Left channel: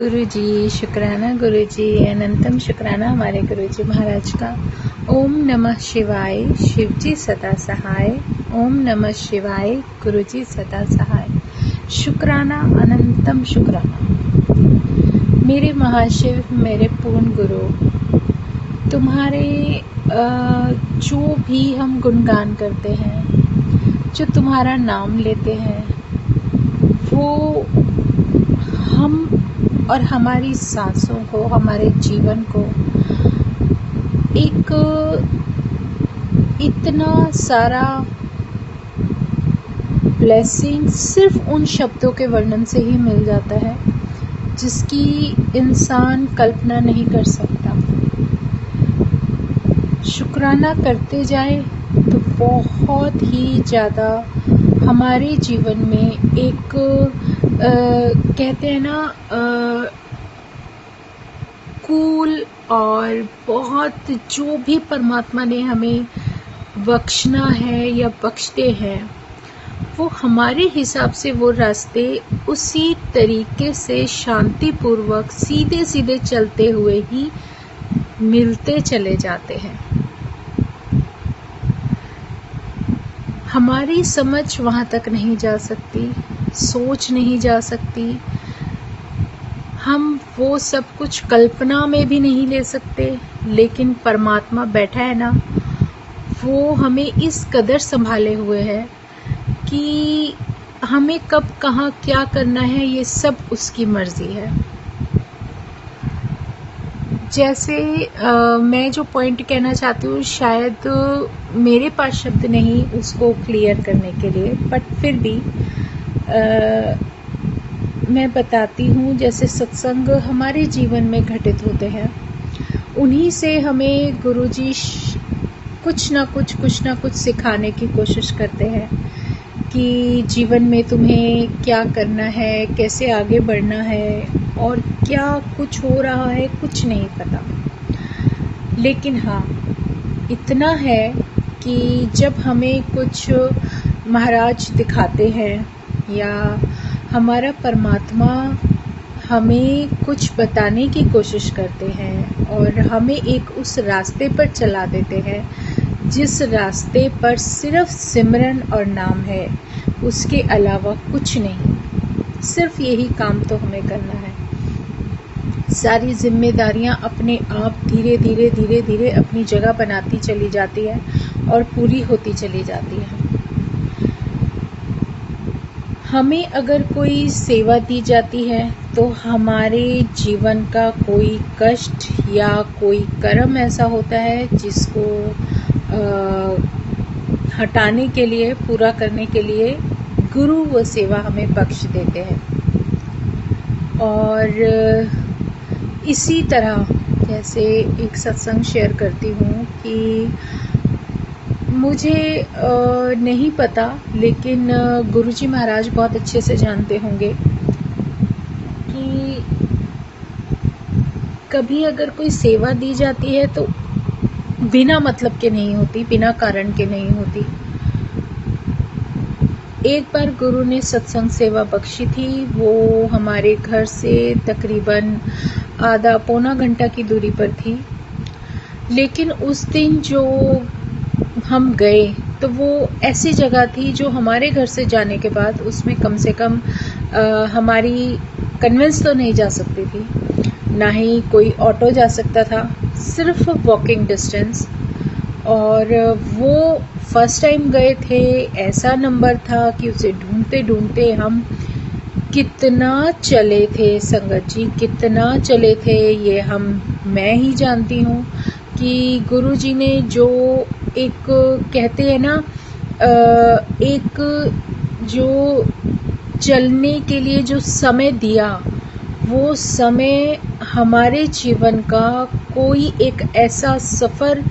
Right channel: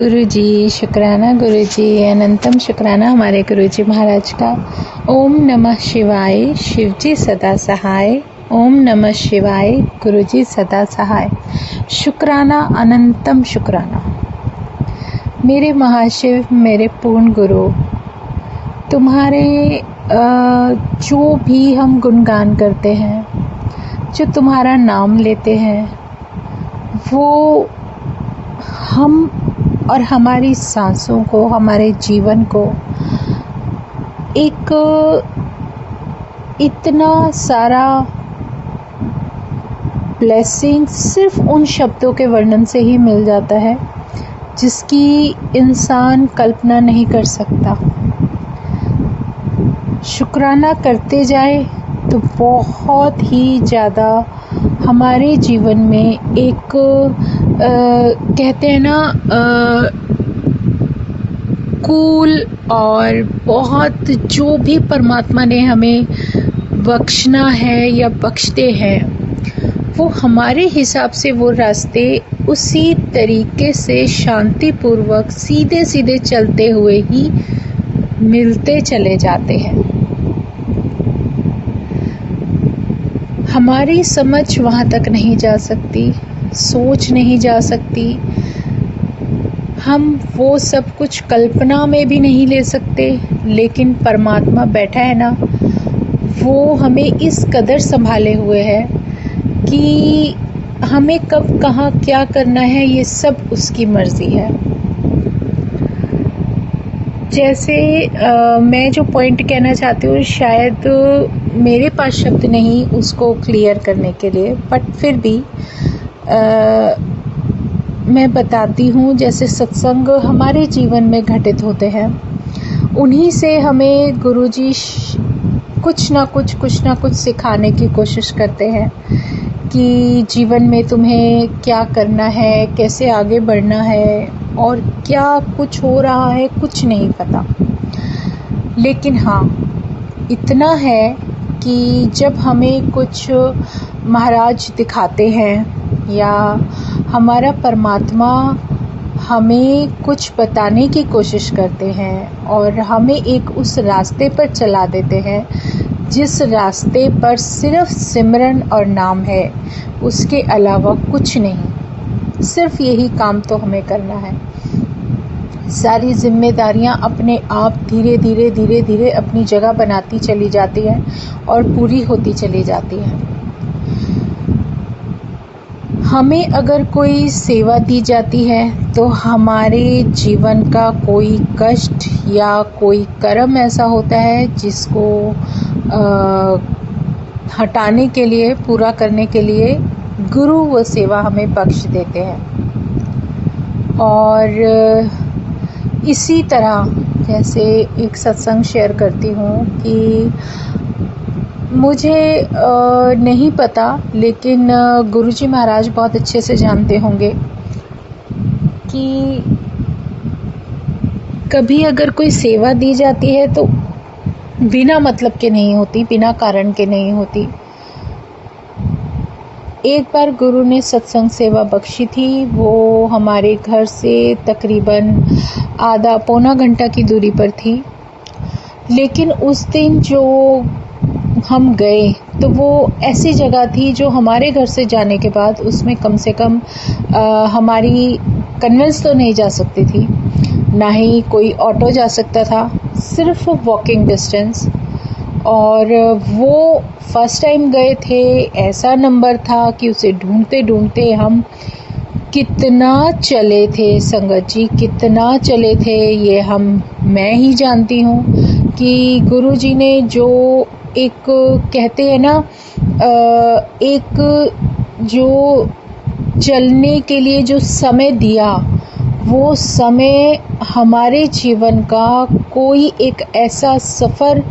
गुरुजी शुक्राना, गुरुजी अनंतम शुक्राना हमारे गुरुजी महाराज का। ओम नमः शिवाय, शिवजी सदा सहाय। ओम नमः शिवाय, गुरुजी सदा सहाय। शुक्राना, अनंतम शुक्राना मेरे महाशिव, मेरे पूर्ण गुरु। तुम्हारे जो भी हम गुणगान करते हैं, जो तुम्हारा नाम लेते हैं, वो हम और हमारी सांसों को, हमारे जीवन को एक इतना सारा ब्लेसिंग सिर्फ उन शब्दों के वर्णन से ही मिल जाता है जिसकी इंसान कल्पना नहीं कर सकता। शुक्राना करते जाए तो बहुत ही ज़्यादा हमारे जीवन में एक कहते हैं ना कूल और बहुत जो भी परमात्मा ने हमें बख्शना है या बख्शते हैं, वो हमारे हिसाब से वो रास्ते उसी तरीके से शांतिपूर्वक सीधे सीधे चलते हुए ही मिलते चले जाते हैं। हमारी समझ वहाँ तक नहीं जा सकती, सोच नहीं जा सकती, हम वो सब कुछ कल्पना में भी नहीं ले सकते, लेकिन परमात्मा बैठा है ना, वो हमें इस कदर संभाले हुए है कि हमें कब कहाँ क्या करना है ये सब उसकी मर्जी है। जैसे मैं जो पॉइंट कहना चाहती हूँ, शायद मेरे पास शब्द नहीं उसको क्लियर करने के लिए, बट फिर भी मैं बताती हूँ। जैसे सत्संग हमारे जीवन में घटित होते हैं, उन्हीं से हमें गुरुजी कुछ ना कुछ सिखाने की कोशिश करते हैं कि जीवन में तुम्हें क्या करना है, कैसे आगे बढ़ना है, और क्या कुछ हो रहा है कुछ नहीं पता। लेकिन हाँ, इतना है कि जब हमें कुछ महाराज दिखाते हैं या हमारा परमात्मा हमें कुछ बताने की कोशिश करते हैं और हमें एक उस रास्ते पर चला देते हैं जिस रास्ते पर सिर्फ सिमरन और नाम है, उसके अलावा कुछ नहीं। सिर्फ यही काम तो हमें करना है। सारी जिम्मेदारियां अपने आप धीरे धीरे अपनी जगह बनाती चली जाती हैं और पूरी होती चली जाती हैं। हमें अगर कोई सेवा दी जाती है तो हमारे जीवन का कोई कष्ट या कोई कर्म ऐसा होता है जिसको हटाने के लिए, पूरा करने के लिए गुरु वो सेवा हमें बख्श देते हैं। और इसी तरह जैसे एक सत्संग शेयर करती हूँ कि मुझे नहीं पता, लेकिन गुरुजी महाराज बहुत अच्छे से जानते होंगे कि कभी अगर कोई सेवा दी जाती है तो बिना मतलब के नहीं होती, बिना कारण के नहीं होती। एक बार गुरु ने सत्संग सेवा बख्शी थी। वो हमारे घर से तकरीबन आधा पौना घंटा की दूरी पर थी, लेकिन उस दिन जो हम गए तो वो ऐसी जगह थी जो हमारे घर से जाने के बाद उसमें कम से कम हमारी कन्वेंस तो नहीं जा सकती थी, ना ही कोई ऑटो जा सकता था, सिर्फ वॉकिंग डिस्टेंस। और वो फर्स्ट टाइम गए थे, ऐसा नंबर था कि उसे ढूंढते ढूंढते हम कितना चले थे संगत जी, कितना चले थे ये मैं ही जानती हूँ कि गुरुजी ने जो एक कहते हैं ना एक जो चलने के लिए जो समय दिया, वो समय हमारे जीवन का कोई एक ऐसा सफ़र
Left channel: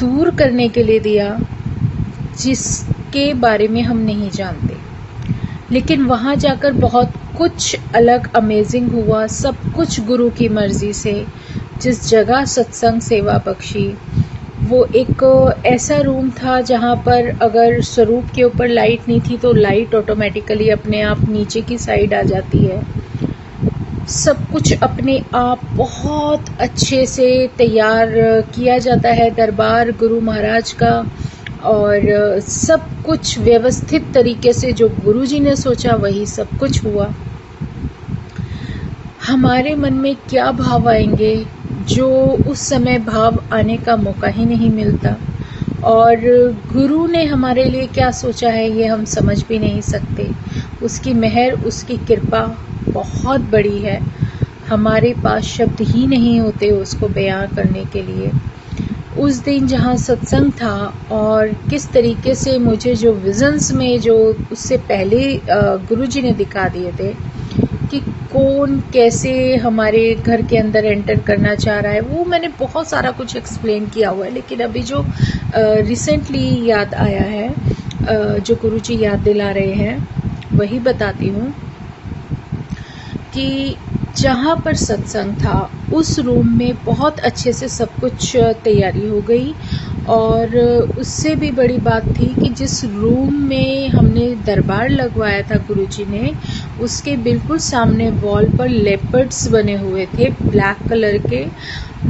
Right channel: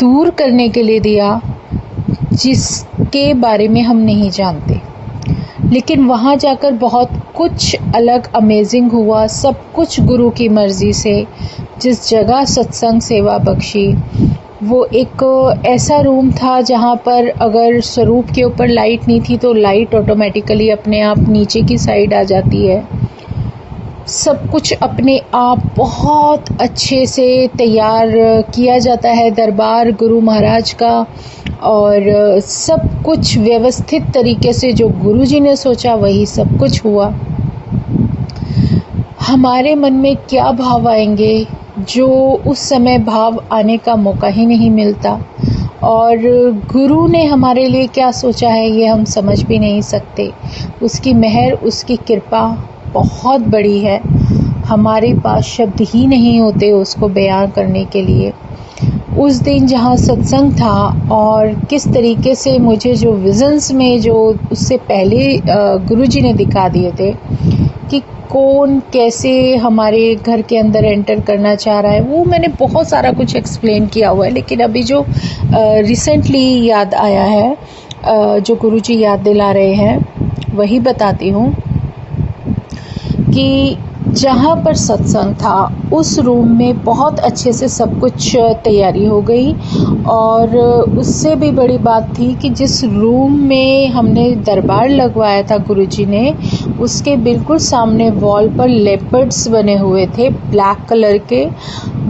दूर करने के लिए दिया जिसके बारे में हम नहीं जानते। लेकिन वहाँ जाकर बहुत कुछ अलग अमेजिंग हुआ, सब कुछ गुरु की मर्जी से। जिस जगह सत्संग सेवा बख्शी, वो एक ऐसा रूम था जहाँ पर अगर स्वरूप के ऊपर लाइट नहीं थी तो लाइट ऑटोमेटिकली अपने आप नीचे की साइड आ जाती है। सब कुछ अपने आप बहुत अच्छे से तैयार किया जाता है दरबार गुरु महाराज का, और सब कुछ व्यवस्थित तरीके से जो गुरुजी ने सोचा वही सब कुछ हुआ। हमारे मन में क्या भाव आएंगे जो उस समय भाव आने का मौका ही नहीं मिलता, और गुरु ने हमारे लिए क्या सोचा है ये हम समझ भी नहीं सकते। उसकी मेहर, उसकी कृपा बहुत बड़ी है, हमारे पास शब्द ही नहीं होते उसको बयां करने के लिए। उस दिन जहाँ सत्संग था और किस तरीके से मुझे जो विजन्स में जो उससे पहले गुरुजी ने दिखा दिए थे कि कौन कैसे हमारे घर के अंदर एंटर करना चाह रहा है, वो मैंने बहुत सारा कुछ एक्सप्लेन किया हुआ है। लेकिन अभी जो रिसेंटली याद आया है, जो गुरुजी याद दिला रहे हैं वही बताती हूँ कि जहाँ पर सत्संग था उस रूम में बहुत अच्छे से सब कुछ तैयारी हो गई, और उससे भी बड़ी बात थी कि जिस रूम में हमने दरबार लगवाया था गुरुजी ने, उसके बिल्कुल सामने वॉल पर लेपर्ड्स बने हुए थे ब्लैक कलर के,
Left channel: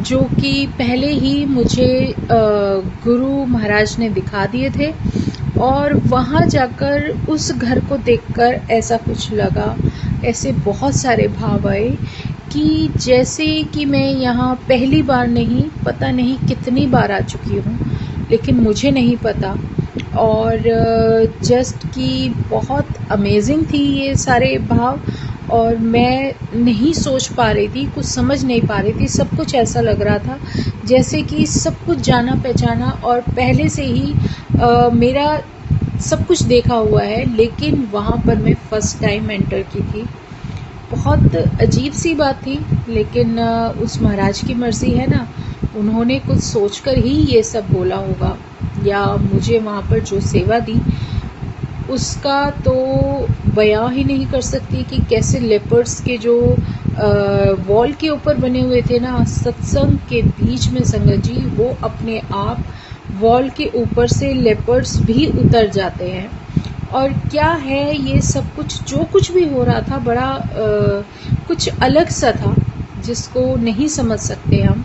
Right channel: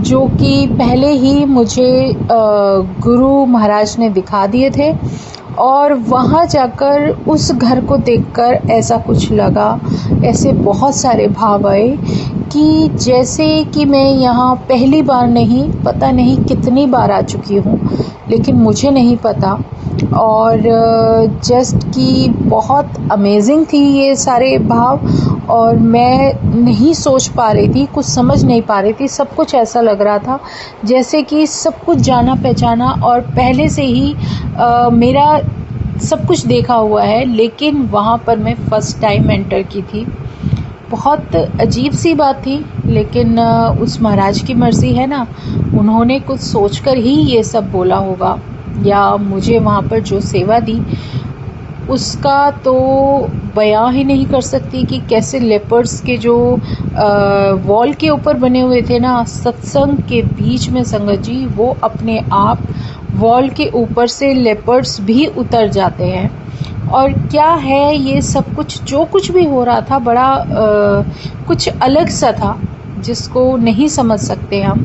जो कि पहले ही मुझे गुरु महाराज ने दिखा दिए थे। और वहाँ जाकर उस घर को देखकर ऐसा कुछ लगा, ऐसे बहुत सारे भाव आए कि जैसे कि मैं यहाँ पहली बार नहीं, पता नहीं कितनी बार आ चुकी हूँ, लेकिन मुझे नहीं पता। और जस्ट कि बहुत अमेजिंग थी ये सारे भाव, और मैं नहीं सोच पा रही थी, कुछ समझ नहीं पा रही थी। सब कुछ ऐसा लग रहा था जैसे कि सब कुछ जाना पहचाना और पहले से ही मेरा सब कुछ देखा हुआ है, लेकिन वहाँ पर मैं फ़र्स्ट टाइम एंटर की थी। बहुत अजीब सी बात थी, लेकिन उस महाराज की मर्ज़ी है ना, उन्होंने कुछ सोचकर ही ये सब बोला होगा, या मुझे वहाँ पर जो सेवा दी उसका तो बयां ही नहीं कर सकती कि कैसे लेपर्ड्स के जो वॉल के ऊपर बने हुए थे ना सत्संग के बीच में, संगत जी, वो अपने आप वॉल के ऊपर से लेपर्ड्स भी उतर जाते हैं। और क्या है ये सब कुछ, जो कुछ भी हो रहा था बड़ा कुछ अलग सा था जिसको नहीं समझ सकते हम।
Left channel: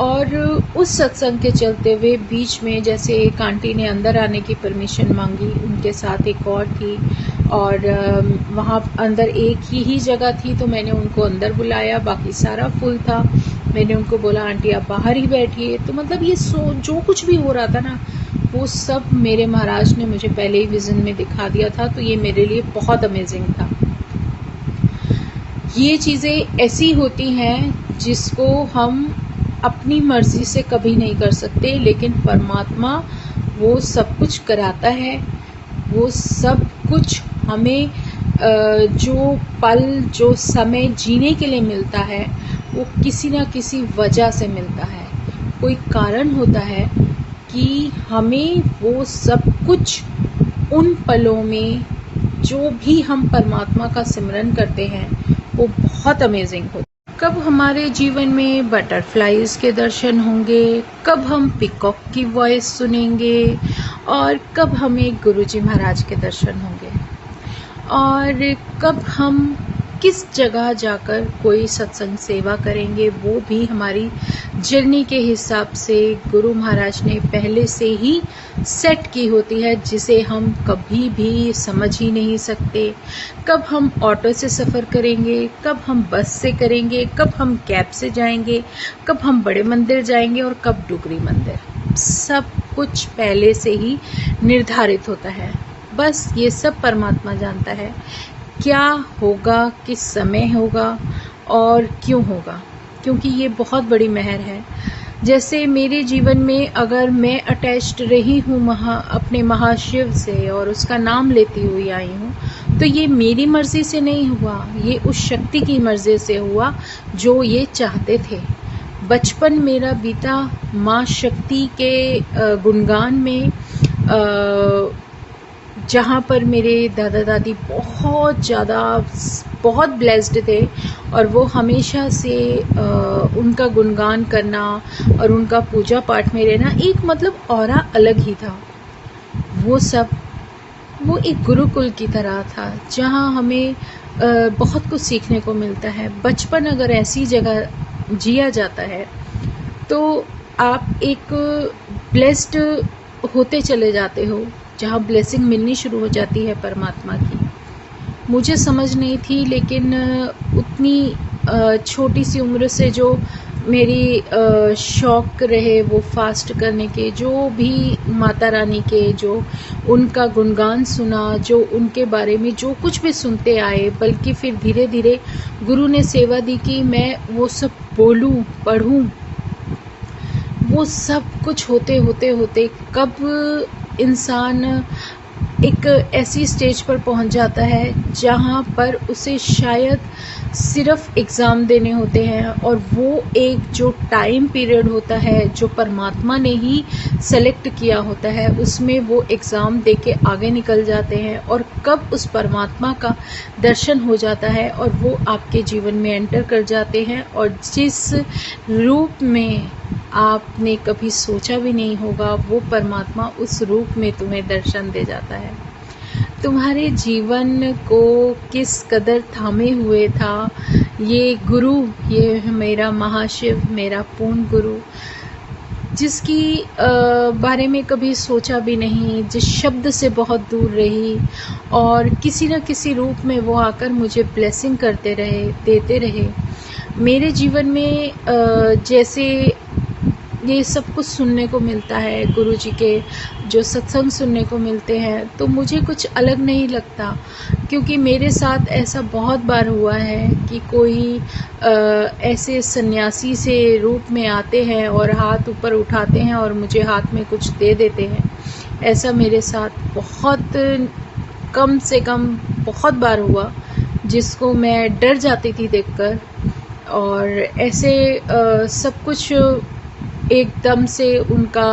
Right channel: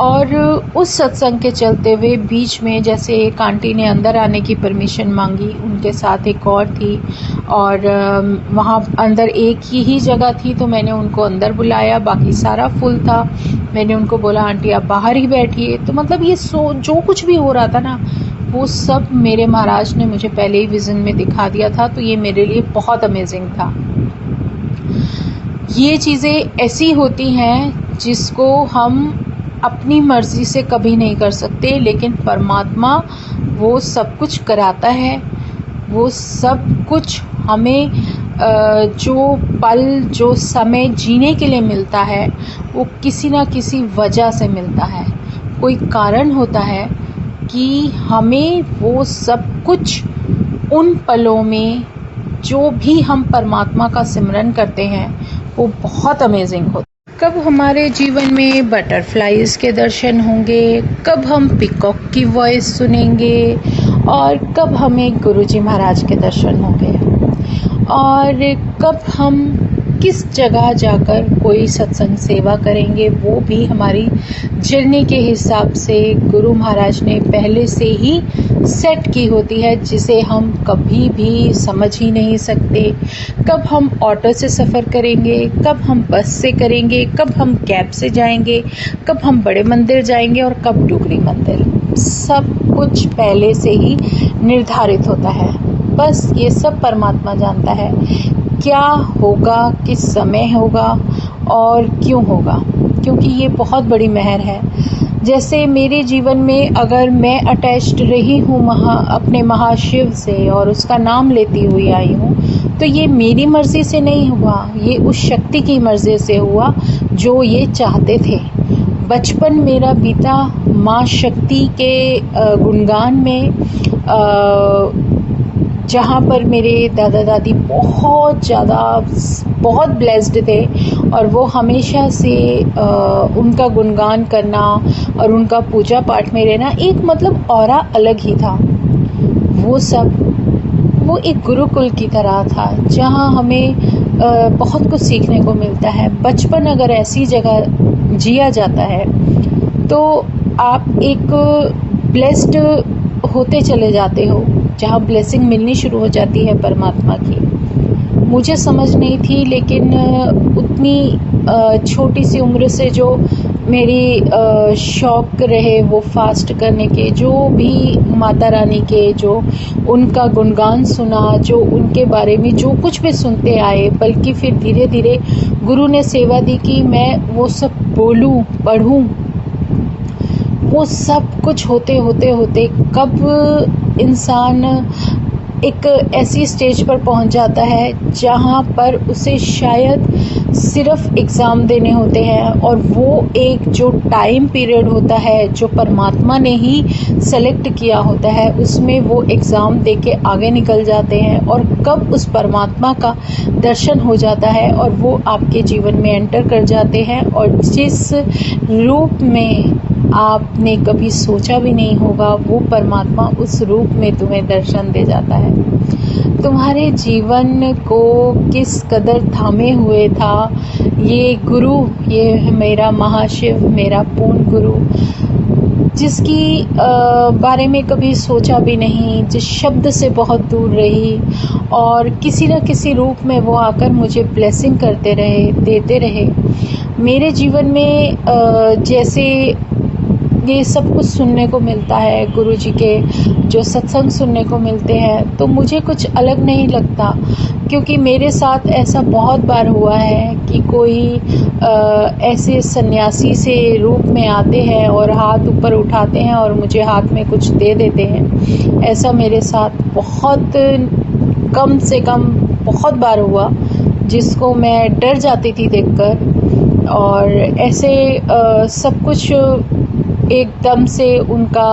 और उस सत्संग के चलते हुए बीच में जैसे एक आंटी ने अंदर आने की परमिशन मांगी, उनके साथ एक और थी, और वहाँ अंदर एक ही जगह थी, तो मैंने उनको अंदर बुलाया, बाकी सारा फुल था। मैंने उनको बोला आंटी आप बाहर ही बैठिए। तो मतलब ये जो कुछ भी हो रहा था ना, वो सब मेरे महाराज ने मुझे पहले ही विजन में दिखा दिया था, तो ये मेरे लिए बहुत अमेजिंग था। ये चीज़ें ऐसी होती हैं जिसको हम अपनी मर्ज़ी से कभी नहीं कर सकते, लेकिन परमात्मा वो सब कुछ कराता है। वो सब कुछ हमें जो पल, जो समय जीने के लिए मिलता है, वो किसी ना किसी वजह से मिलता है। कोई कारण होता है कि हमें वो सब कुछ उन पलों में जो भी हम परमात्मा का सिमरन करते हैं वो बहुत अमेजिंग होता है। कब हमारे जीवन में बटरफ्लाइज के दर्शन होंगे, कब हम पिकॉक की वॉइस सुनेंगे, और कब हमें गुरुजी महाराज के दर्शन होंगे, और कब हम किस जगह जाकर कोई सत्संग सेवा करेंगे, वो भी हमारी जर्नी के हिसाब से गुरु महाराज ने पहले से ही सेट की होती है, जिसे हम कभी भी समझ ही नहीं सकते। कब हम ऑटो से सफ़र करेंगे, कब हम बस से करेंगे, कब हम कैब से जाएंगे, कब हम बड़े मंदिर जाएंगे और कब डुगरी मंदिर, सब कुछ पहले से ही निर्धारित होता है। बस ये सब परमात्मा जानता है क्या होगा, किस समय होगा और क्यों होगा, क्योंकि ये बहुत बड़ी मेहर है। जैसे मेरे जीवन में अगर मैं अटैच्ड रही हूँ अपने महाशिव से और उसका नाम लेती हुई आई हूँ, तो ये मेरी मर्जी से नहीं हुआ, ये उस शक्ति की मर्जी से हुआ जो ये चाहते थे। बचपन मेरा बीता माँ शक्ति के गुणगान में, जहाँ पर मेरे दादा दादी बहुत ब्लेस्ड थे, और वो हमेशा से उनका गुणगान करना और उनका पूजा पाठ में रहना एक मतलब ऑरा अलग ही था। वो एक गुरुकुल की तरह था, जहाँ हमें बहुत कुछ सीखने को मिलता है। बचपन अगर ऐसी जगह जिया जाता है तो आप एक ब्लेस्ड होते चले जाते हो, जहाँ ब्लेसिंग मिलनी शुरू हो जाती है परमात्मा की। मुझे समझ नहीं थी, लेकिन उतनी छोटी सी उम्र से जो मेरी शौक रहे वो फास्ट करने के, जो भी माता रानी के जो उनका गुणगान सुना, जो उनके बारे में जो कुछ भी सुनते आए, बल्कि फिर धीरे धीरे गुरु ने सेवा दी कि मैं वो सब बोलूं, पढ़ूं। वो सब कुछ होते होते होते कब इंसान एक ऐसी स्टेज पर पहुंच जाता है जहां पर उसे शायद सिर्फ एग्ज़ाम देने होते हैं, और वो एक जो टाइम पीरियड होता है जो परमात्मा ने ही सेलेक्ट किया होता है, उसमें वो एग्ज़ाम दे के आगे निकल जाते हैं, और कब उस परमात्मा का दर्शन हो जाता है और वो आपके जीवन में एंटर कर जाते हैं, और जिस रूप में आपने कभी सोचा भी नहीं होगा, वो परमात्मा उस रूप में तुम्हें दर्शन दे जाता है। तुम्हारे जीवन को किस कदर थामे हुए था ये गुरु, ये मेरा महाशिव, मेरा पूर्ण गुरु, जिसकी बारे में कभी सोचा भी नहीं, जिस शब्द से बहुत दूर रही, और किसी न किसी रूप में वो आकर मुझे ब्लेसिंग करते रहे, देते रहे। मेरे जीवन में जैसे ये सब कुछ सुनने को मिलता है, गुरुजी के जो सत्संग सुनने को मिलते हैं, तो मुझे कुछ अलग नहीं लगता, क्योंकि मेरे साथ ऐसा बहुत बार हुआ है कि कोई ऐसे सन्यासी से रूप में आते हैं और हाथ ऊपर उठाते हैं और मुझे हाथ में कुछ दे देते हैं। ऐसा मेरे साथ बहुत कम से कम बहुत बार हुआ, जिसको मैं डर जाती थी देखकर। और ऐसे सब कुछ एकदम से उनका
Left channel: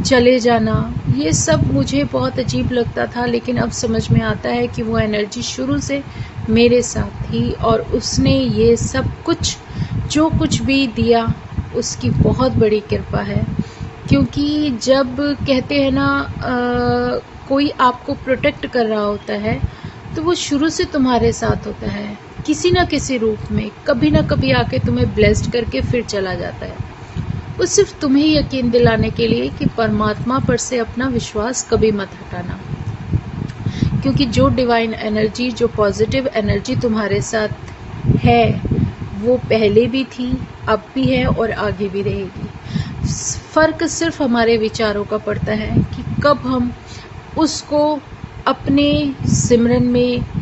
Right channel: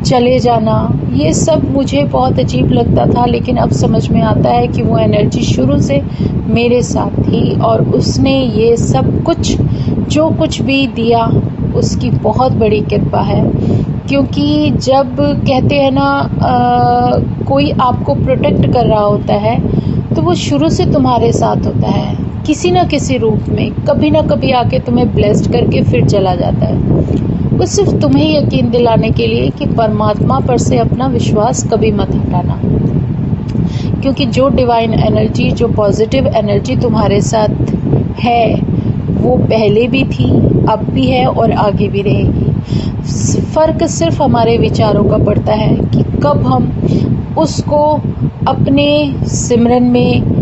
चले जाना, ये सब मुझे बहुत अजीब लगता था, लेकिन अब समझ में आता है कि वो एनर्जी शुरू से मेरे साथ थी, और उसने ये सब कुछ जो कुछ भी दिया उसकी बहुत बड़ी कृपा है। क्योंकि जब कहते हैं ना कोई आपको प्रोटेक्ट कर रहा होता है, तो वो शुरू से तुम्हारे साथ होता है, किसी न किसी रूप में, कभी ना कभी आके तुम्हें ब्लेस्ड करके फिर चला जाता है। वो सिर्फ तुम्हें यकीन दिलाने के लिए कि परमात्मा पर से अपना विश्वास कभी मत हटाना, क्योंकि जो डिवाइन एनर्जी, जो पॉजिटिव एनर्जी तुम्हारे साथ है, वो पहले भी थी, अब भी है और आगे भी रहेगी। फर्क सिर्फ हमारे विचारों का पड़ता है कि कब हम उसको अपने सिमरन में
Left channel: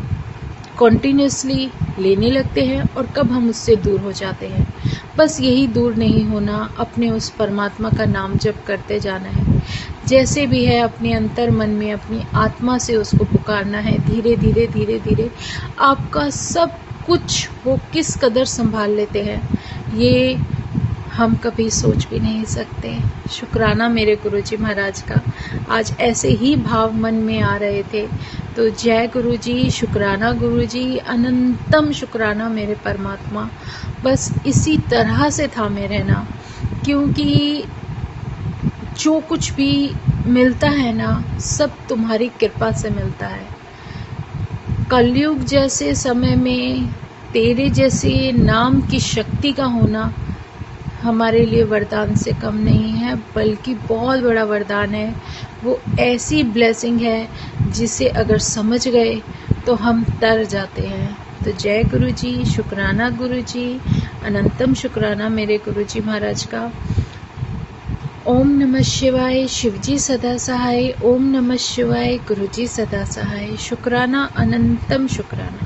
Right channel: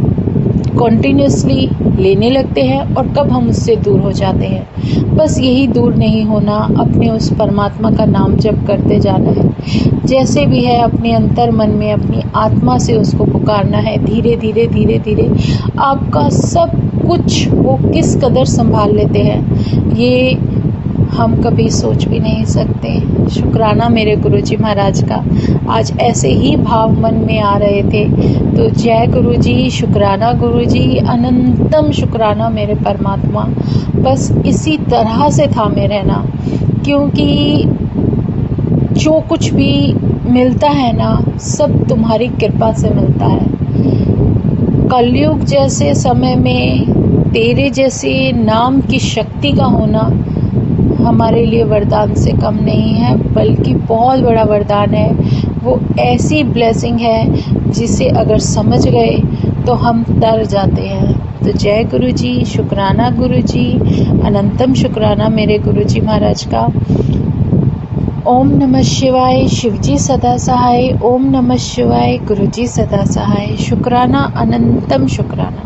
कॉन्टिन्यूसली लेने लगते हैं और कब हम उससे दूर हो जाते हैं। बस यही दूर नहीं होना, अपने उस परमात्मा का नाम जप करते जाना है, जैसे भी है अपने अंतर मन में अपनी आत्मा से उसको पुकारना है। धीरे धीरे धीरे धीरे आपका सब कुछ वो किस कदर संभाल लेते हैं, ये हम कभी सोच भी नहीं सकते। शुक्राना मेरे गुरुजी महाराज का, आज ऐसे ही भाव मन में आ रहे थे, तो जय गुरुजी, शुक्राना गुरुजी, अनंतम शुक्राना मेरे परमात्मा। बस इसी तरह से थामे रहना, क्योंकि जो कुछ भी मिलता है ना, सब तुम्हारी कृपा से मिलता है। कलयुग जैसे समय में तेरे जैसे नाम की शक्ति का होना हमारे लिए वरदान से कम नहीं है, बल्कि बहुत बड़ा वरदान है। वो ऐसी ब्लेसिंग है जिसे अगर समझ गए तो हम डर जाते हैं। तो जय गुरुजी, शुक्राना गुरुजी, अनंतम शुक्राना मेरे गुरुजी महाराज का। ओम नमः शिवाय, शिवजी सदा सहाय। ओम नमः शिवाय, गुरुजी सदा सहाय। शुक्राना, अनंतम शुक्राना।